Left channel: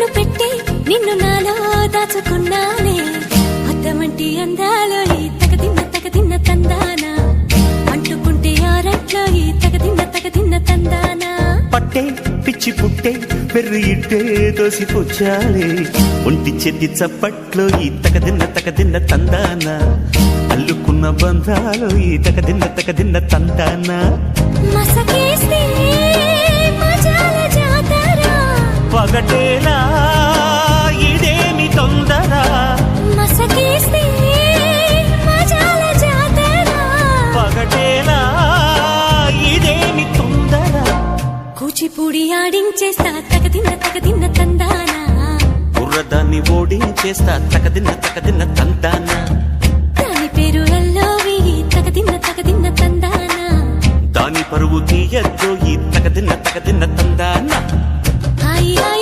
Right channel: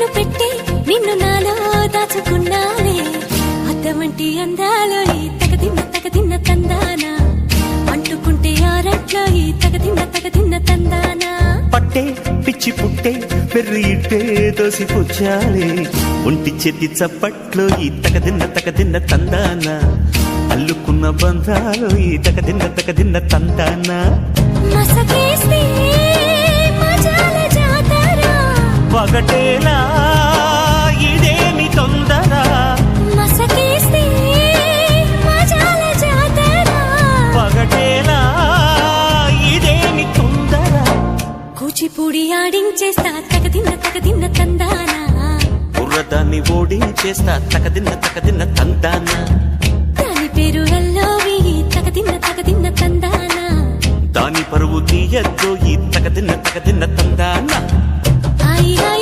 కన్ను పెట్టే నిన్ను నాలో దాచుకున్నానే అద్దమంటి అందాలో ఈ తగదిన్న తందానా అంటుకుంటే ఆరట్లో ఈ తగదిన్న తందానా పట్టే పిచ్చి పుట్టే పెర్రి ఇట్టే దోసిపుచ్చాలే ఒంటి చేతి చప్పట్లో ఈ తగదిన్న తందానా అల్లుకున్న బంధాలు ఈ తగదిన్న తందానా మసకేస్తే మజాల జాతర పగటేలా ఇదేమి తొందర మసకేస్తే మజాల జాతర పగటేలా ఇదేమి తొందర కూచిపూడి ఆడించేస్తా తగదిన్న తందానా బుర్రదాన్ని ఓడించేస్తా తగదిన్న తందానా దాని పేరు ఎల్లోవి తగదిన్న తందానా దాని పరువు తీయద్దు ఈ తగదిన్న తందానా